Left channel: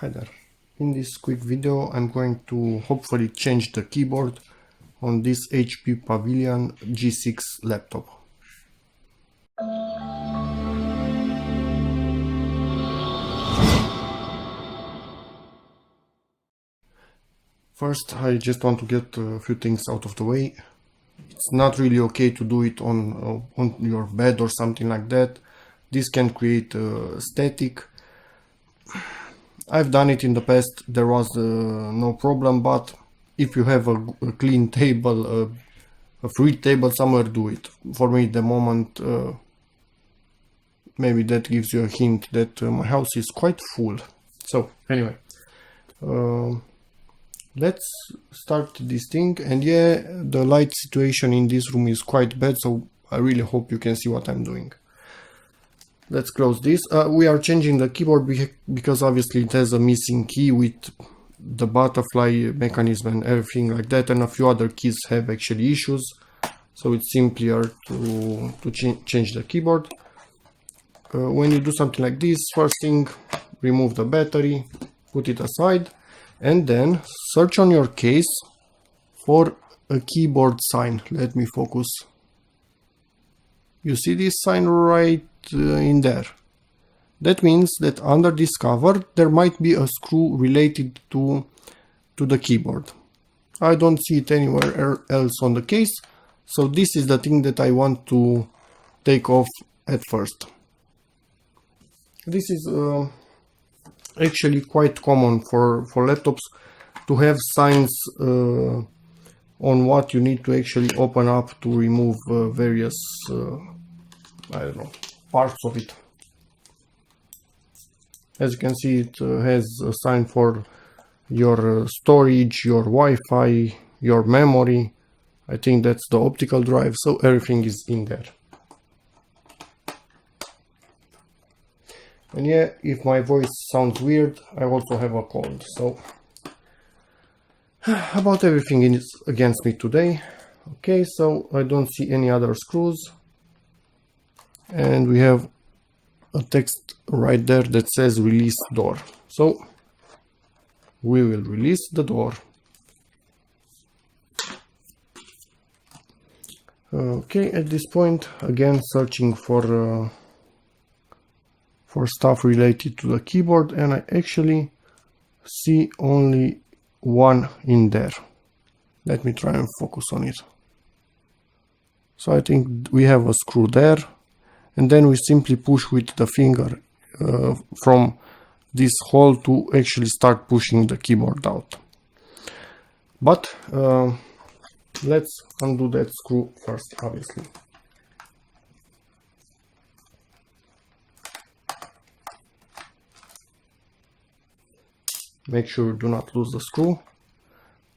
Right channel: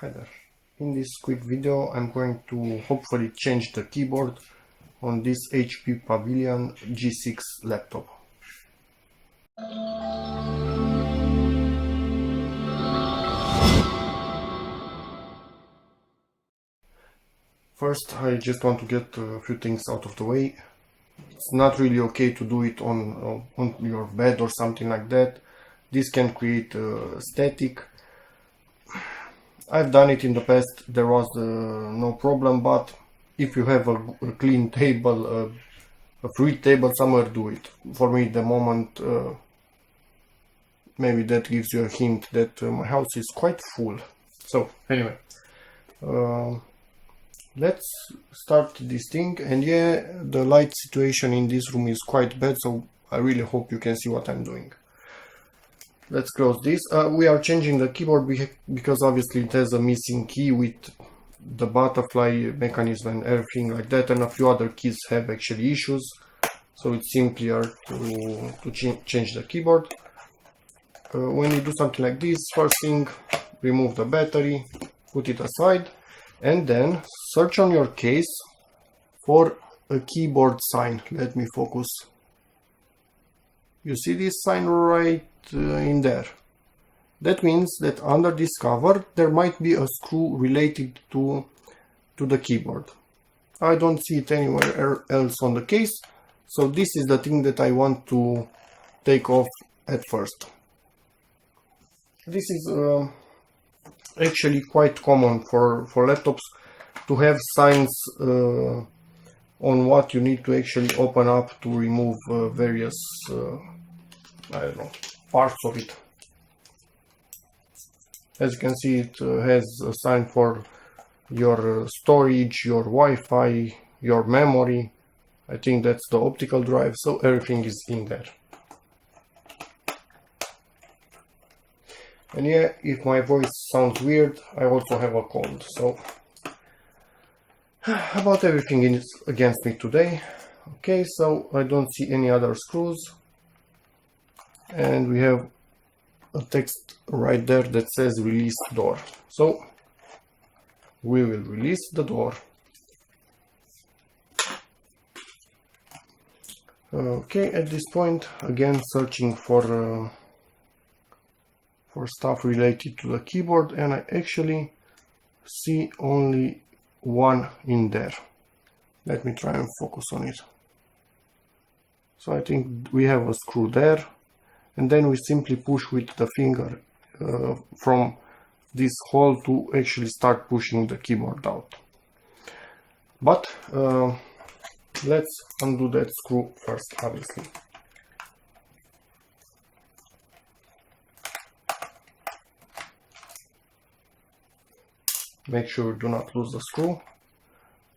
Hi there. In this quick video I'm going to hopefully change the keyboard on this HP Pavilion G6 laptop. First, I just want to get a few things out of the way. It's not really okay to do it on your bed or something like that. This can create static. I've done it in the past, there was no problem, but if you have a clean table, a free table somewhere, do it. For me, the moment, maybe that gives you a hint that my house is quite full. So anyway, let's start this thing. And yeah, the light situation in this room is quite bad, so I really hope you can see what I'm doing. Let's close this. We are changing the keyboard because obviously it has a missing key with the butterfly mechanism and everything like that, and a few other keys have actually issues, so it's simpler to change the keyboard. When you do something like this, first thing, remove the battery, put it aside, and then search on your case for a keyboard sign. Let me focus. You see this sign right in there. That means that under this cover there might be a screw related to the keyboard. I don't see it anywhere else on the case, so this is the thing that I want to take off at first. This is actually quite common for laptops to have signs on what you need to actually open up to remove various I don't know, parts of it. As you can see, it has a sign for your storage, your Wi-Fi, your memory. I think that's the optical drive, so everything is in there. And yeah, if my voice sounds weird, I also have a cold, so about everything is against me today. Okay, so I don't see any other screws, and we have a text right there that says release door, so we will release the door. Okay, at this point, again searching for stuff related to the keyboard, and I actually see only one in there. Let me try and focus on it. So I think we have a screw there, and then we simply push with the finger from this hole to actually start pushing the keyboard out. But let's undo that screw first, obviously. Make sure do not lose the screw.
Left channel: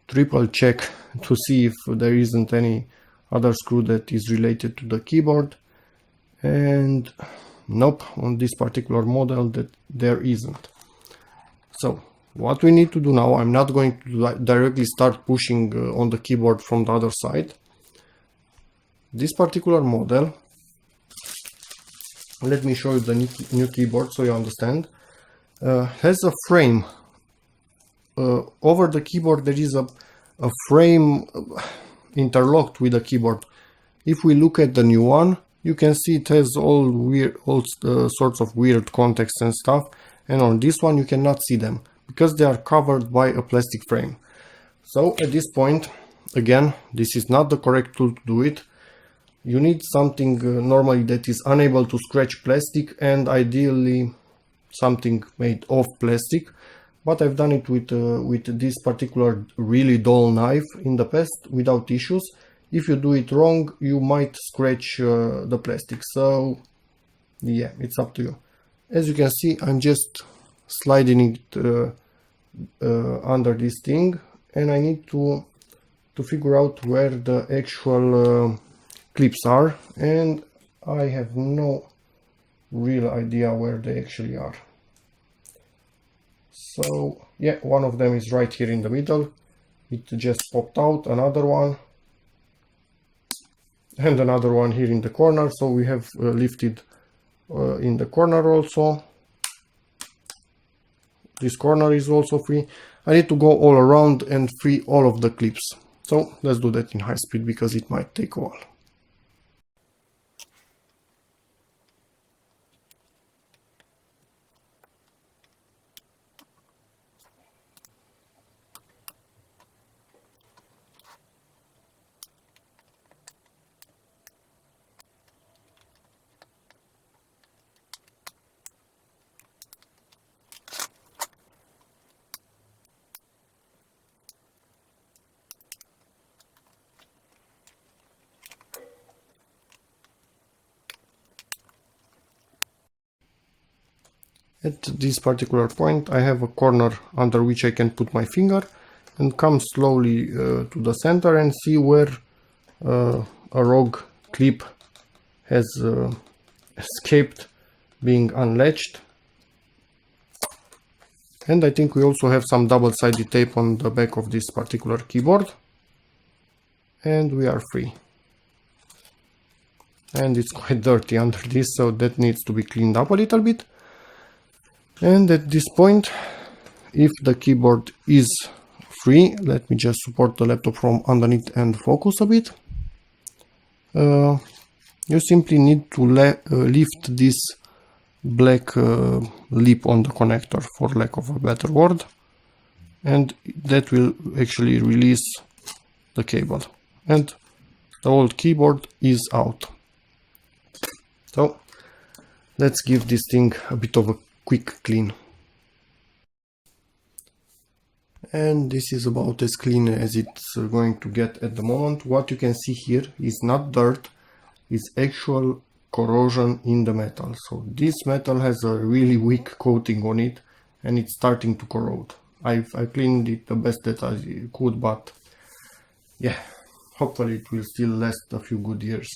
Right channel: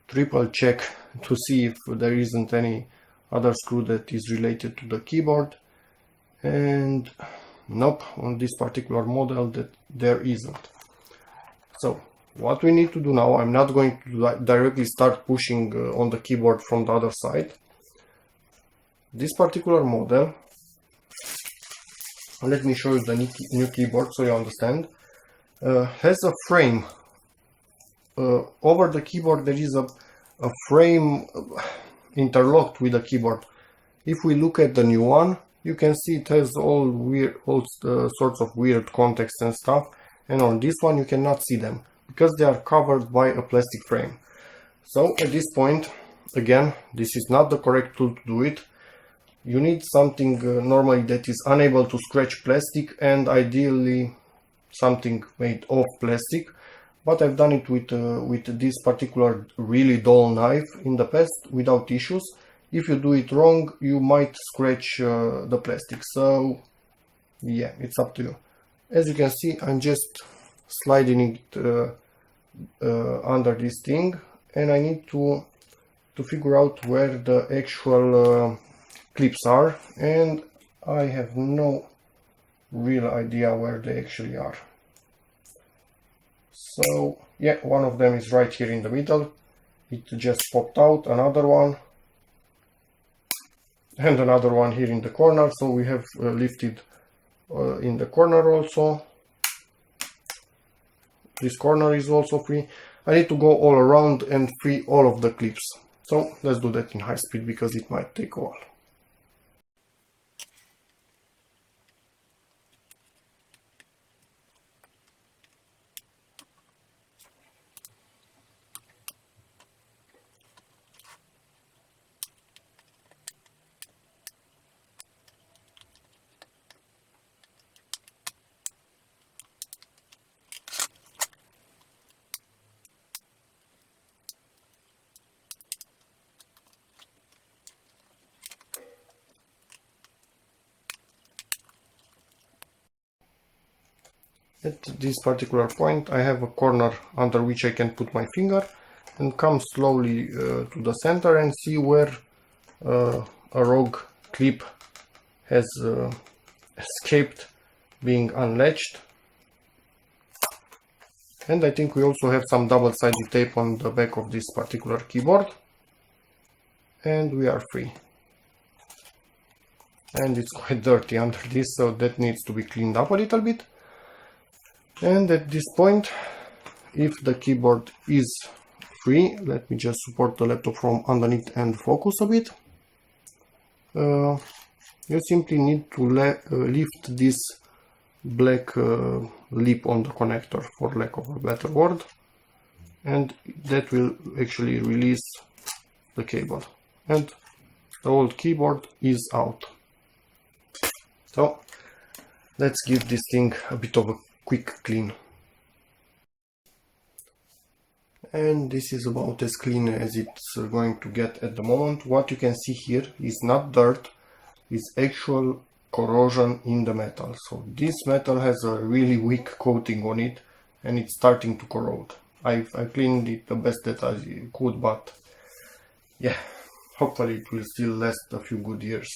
Triple check to see if there isn't any other screw that is related to the keyboard. And nope, on this particular model that there isn't. So what we need to do now, I'm not going to directly start pushing on the keyboard from the other side. This particular model, let me show you the new keyboard so you understand, has a frame. Over the keyboard there is a frame interlocked with the keyboard. If we look at the new one, you can see it has all sorts of weird contacts and stuff, and on this one you cannot see them because they are covered by a plastic frame. So at this point, again, this is not the correct tool to do it. You need something normally that is unable to scratch plastic, and ideally something made of plastic. But I've done it with this particular really dull knife in the past without issues. If you do it wrong, you might scratch the plastic. So yeah, it's up to you. As you can see, I'm just sliding it under this thing, and I need to figure out where the actual clips are, and I have no real idea where they actually are. So yeah, one of them is right here in the middle. It just popped out. Another one, and another one here in the corner. So we have lifted in the corner also. This corner is also free. I need to go all around and free all of the clips. So let's do that in high speed because it might take a while. At this particular point I have a corner under which I can put my finger and come slowly to the center and see where a rogue clip has escaped being unlatched. And I think we also have some double-sided tape on the back of this particular keyboard. And we are free. And it's quite dirty under this, so that needs to be cleaned up a little bit. And at this point, if the keyboard is free, let me just support the laptop from underneath and focus a bit. You simply need to lift this black lip on the connector, for lack of a better word, and that will actually release the cable, and the old keyboard is out. So let's give this thing a bit of a quick clean. And this is about as clean as it's going to get at the moment. What you can see here is not dirt, it's actual corrosion in the metal. So this metal has a really weak coating on it and it's starting to corrode. I cleaned it the best that I could, but yeah, hopefully it will still last a few good years.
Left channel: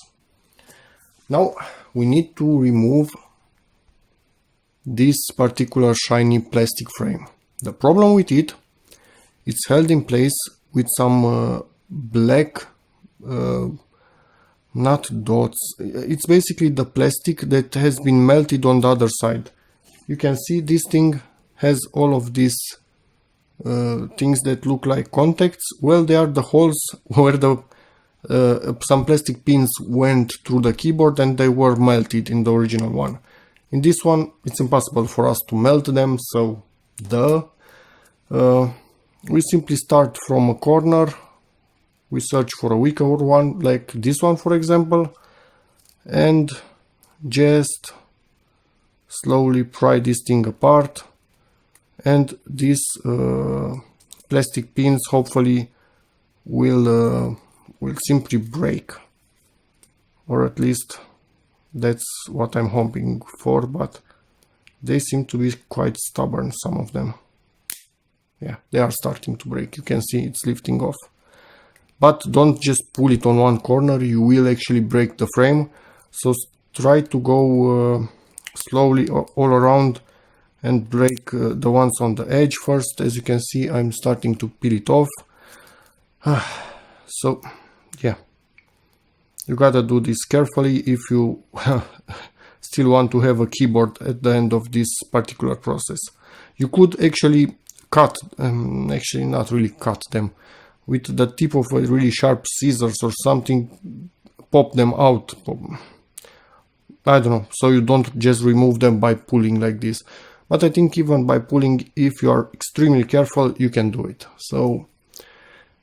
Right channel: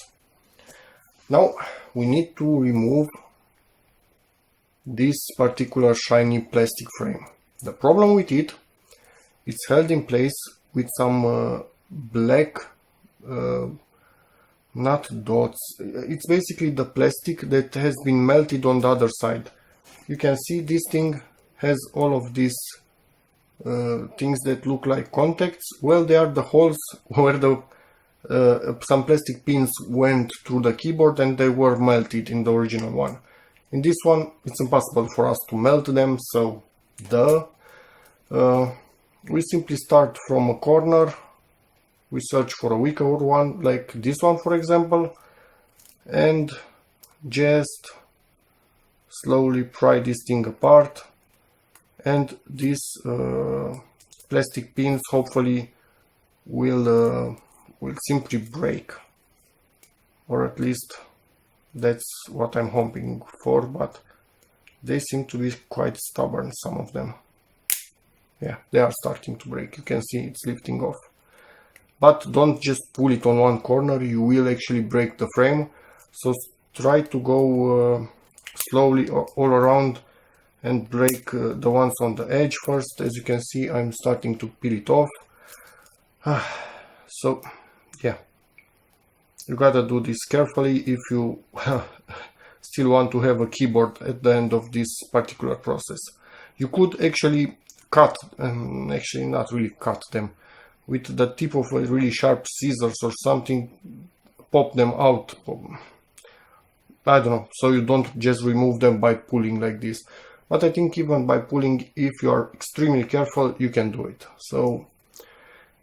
Now we need to remove this particular shiny plastic frame. The problem with it, it's held in place with some black not dots. It's basically the plastic that has been melted on the other side. You can see this thing has all of these things that look like contacts. Well, they are the holes where the some plastic pins went through the keyboard and they were melted in the original one. In this one, it's impossible for us to melt them, so we simply start from a corner. We search for a weaker one, like this one for example, and just slowly pry this thing apart, and these plastic pins hopefully will simply break, or at least that's what I'm hoping for, but they seem to be quite stubborn, some of them. Yeah, they are starting to break. You can see it's lifting off. But don't just pull it on one corner, you will actually break the frame. So try to go slowly all around and break the ones on the edge first. As you can see, I'm starting to peel it off. So yeah, you gotta do this carefully if you still want to have a keyboard at the end of this particular process. You could actually cut, actually not really cut them, with the tip of a really sharp scissors or something, pop them out. I don't know, so you don't just remove them by pulling like this. But I think even by pulling, if you are extremely careful, you can do it. So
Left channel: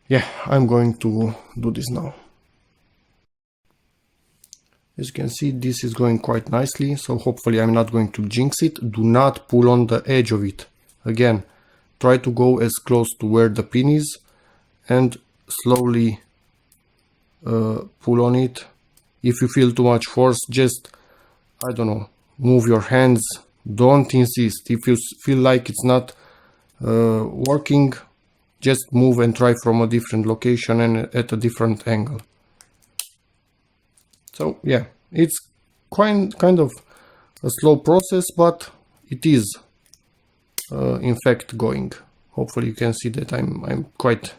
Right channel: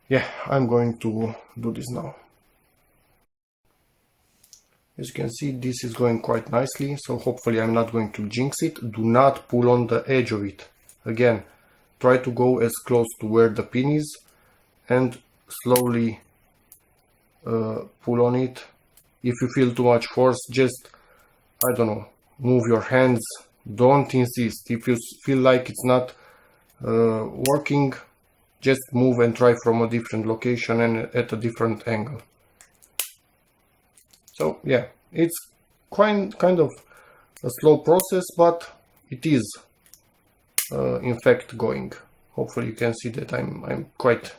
yeah, I'm going to do this now. As you can see, this is going quite nicely, so hopefully I'm not going to jinx it. Do not pull on the edge of it. Again, try to go as close to where the pin is and slowly pull on it. If you feel too much force, just, I don't know, move your hands. Don't insist. If you feel like it's not working, just move and try from a different location and at a different angle. So yeah, it's kind of a slow process, but it is in fact going. Hopefully you can see that I'm quite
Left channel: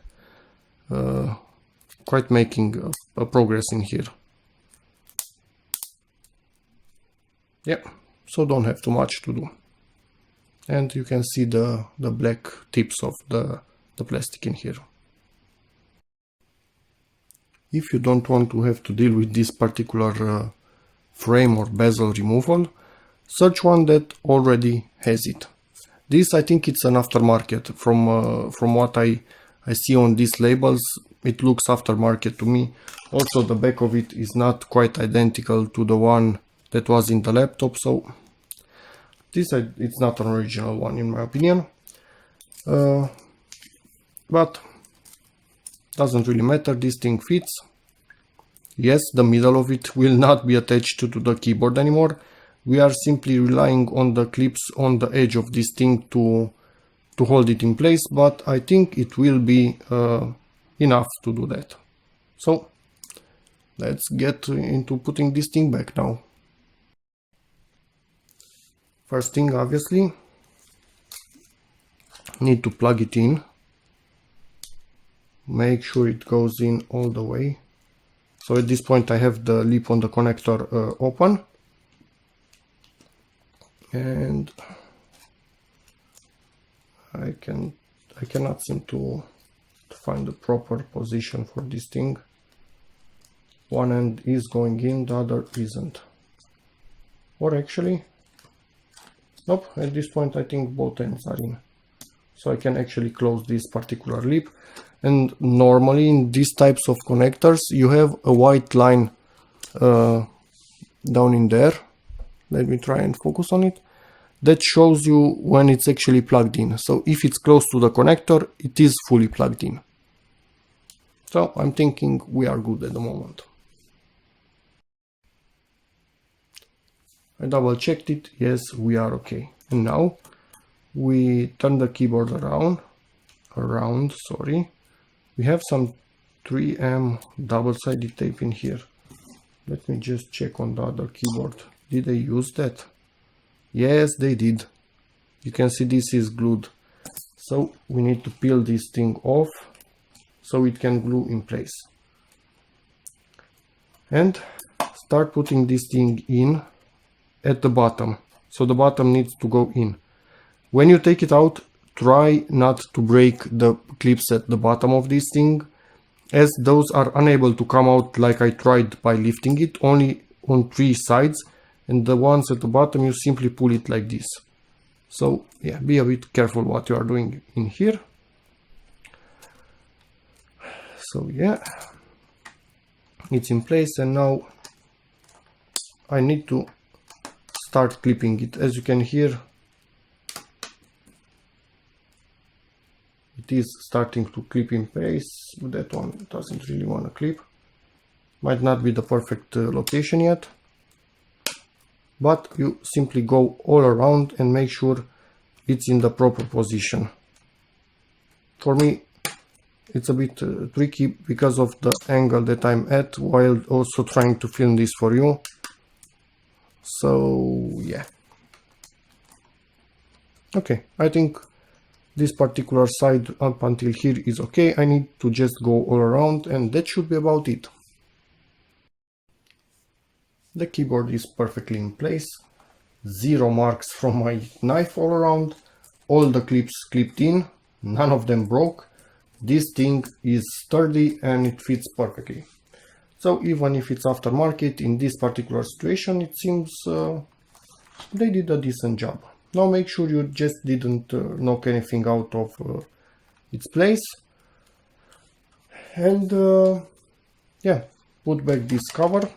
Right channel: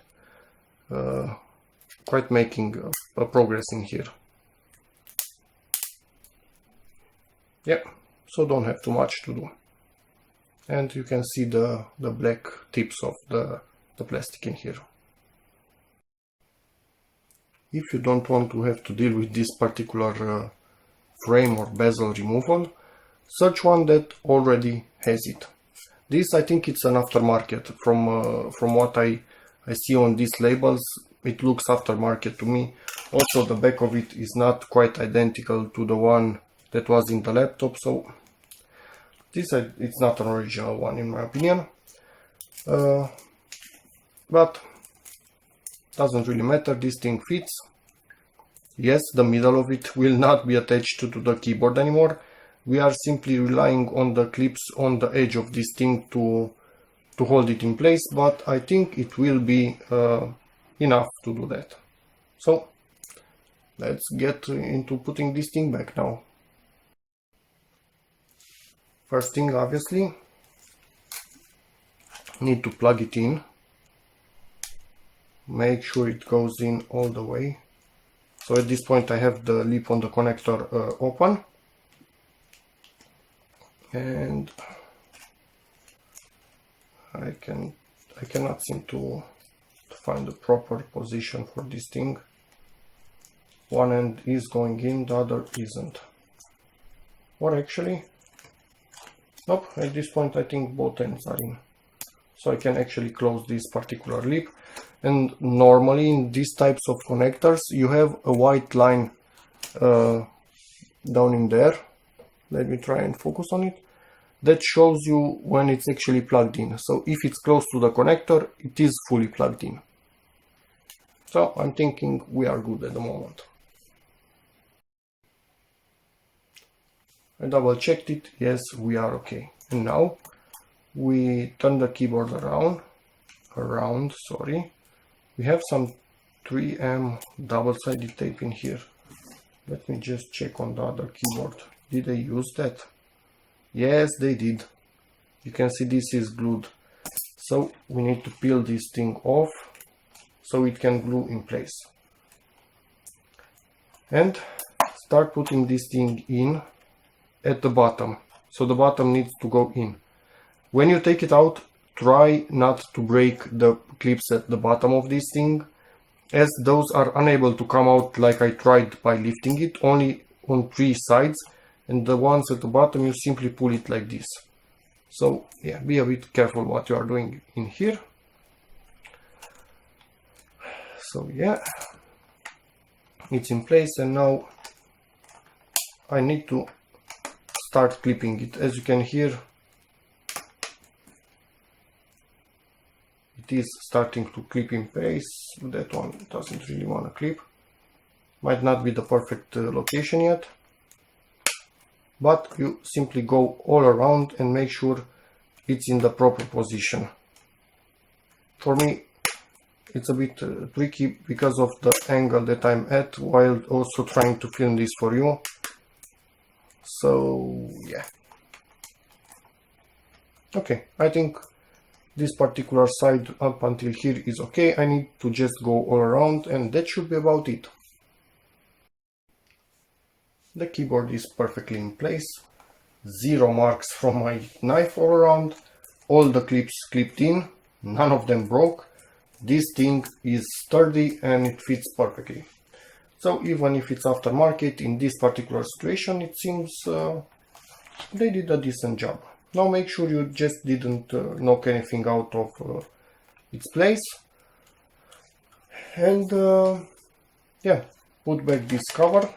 making a progress in here. Yeah, so don't have too much to do. and you can see the black tips of the plastic in here. If you don't want to have to deal with this particular frame or bezel removal, search one that already has it. This, I think it's an aftermarket. From what I see on these labels, it looks aftermarket to me. Also, the back of it is not quite identical to the one that was in the laptop, so this it's not an original one in my opinion. But doesn't really matter, this thing fits. Yes, the middle of it will not be attached to the keyboard anymore. We are simply relying on the clips on the edge of this thing to hold it in place, but I think it will be enough to do that. So let's get into putting this thing back now. First thing, obviously, need to plug it in. Make sure it goes in all the way. So at this point I have the lip on the connector open. And I cannot seem to find the proper position for this thing. One end is going in, the other isn't. Or actually, nope, at this point I think both ends are in. So I can actually close this particular lip. And normally in these types of connectors you have a white line down in there. Let me try and focus on it. That shows you when it's actually plugged in. So if it's close to the connector, it is fully plugged in. So I'm thinking we are good at the moment. I double checked it. Yes, we are okay. And now we turn the keyboard around, sorry. We have some 3M double-sided tape in here. Let me just check on the other keyboard. Did they use that? Yes, they did. You can see this is glued. So we need to peel this thing off so it can glue in place. And start putting this thing in at the bottom. So the bottom needs to go in. When you take it out, try not to break the clips at the bottom of this thing, as those are unable to come out like I tried by lifting it, only on 3 sides, and the ones at the bottom you simply pull it like this. So yeah, be a bit careful what you are doing in here. So yeah, it's in place, and now I need to start clipping it. As you can hear, it is starting to clip in place. That one doesn't really want to clip. Might not be the perfect location yet, but you simply go all around and make sure it's in the proper position. For me, it's a bit tricky because of the angle that I'm at while also trying to film this for you. So yeah. Okay, I think this particular side up until here is okay. I need to just go all around, and that should be about it. The keyboard is perfectly in place. 0 marks from my knife all around. All the clips clipped in. None of them broke. This thing is sturdy and it fits perfectly. So even if it's aftermarket, in this particular situation it seems they did a decent job. Now make sure you just didn't knock anything out of its place. And yeah, put back this cover.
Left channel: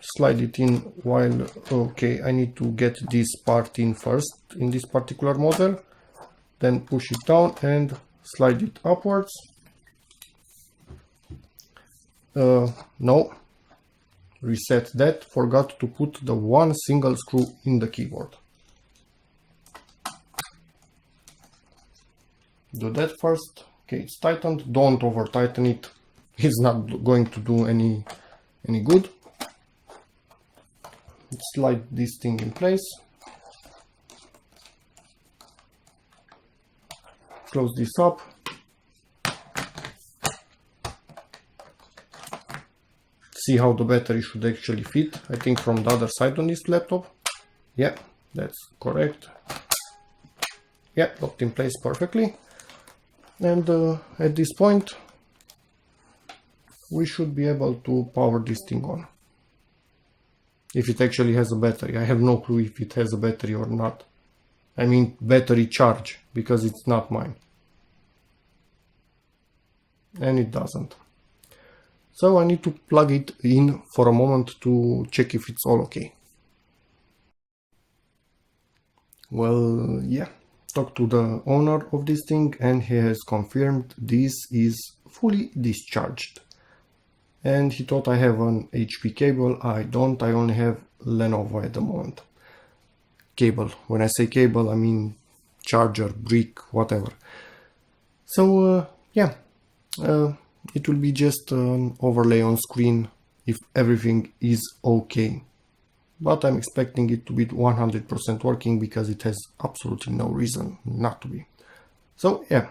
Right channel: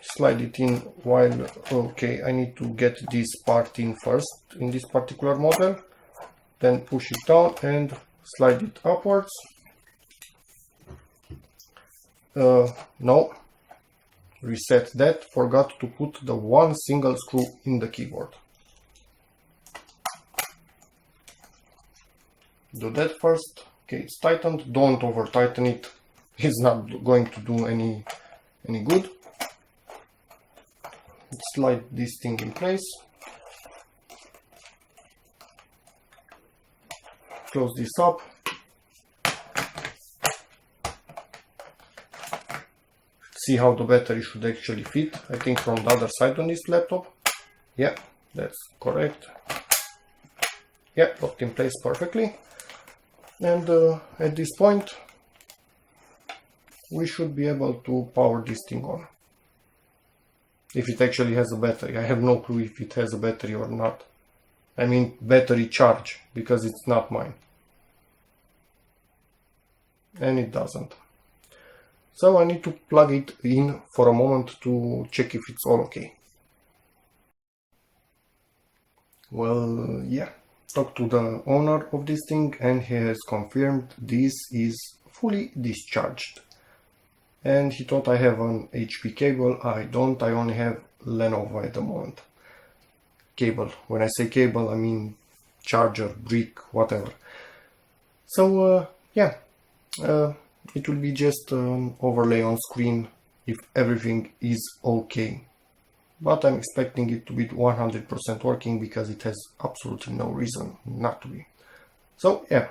Slide it in while, okay, I need to get this part in first in this particular model. Then push it down and slide it upwards. No, reset that, forgot to put the one single screw in the keyboard. Do that first. Okay, it's tightened, don't over tighten it, it's not going to do any good. Slide this thing in place. Close this up. See how the battery should actually fit. I think from the other side on this laptop. Yeah, That's correct. Yeah, locked in place perfectly. And at this point we should be able to power this thing on. If it actually has a battery. I have no clue if it has a battery or not. I mean battery charge, because it's not mine. And it doesn't. So I need to plug it in for a moment to check if it's all okay. Well, yeah. Talked to the owner of this thing and he has confirmed this is fully discharged. And he thought I have an HP cable. I don't, I only have Lenovo at the moment. Cable. When I say cable, I mean charger, brick, whatever. So yeah, it will be just an overlay on screen if everything is okay. But I'm expecting it to be 100% working because it has absolutely no reason not to be. So yeah,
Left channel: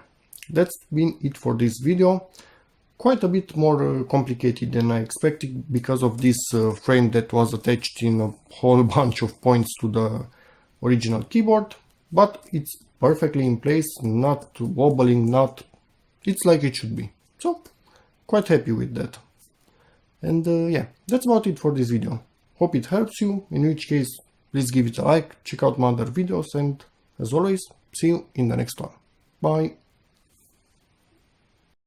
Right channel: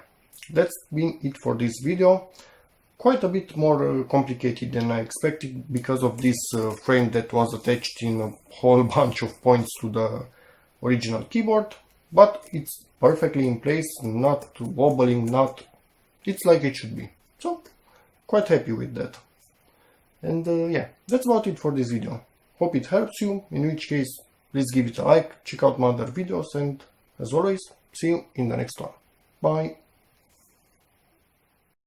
that's been it for this video. Quite a bit more complicated than I expected because of this frame that was attached in a whole bunch of points to the original keyboard, but it's perfectly in place, not wobbling, it's like it should be. So quite happy with that. And yeah, that's about it for this video. Hope it helps you, in which case please give it a like, check out my other videos, and as always, see you in the next one. Bye!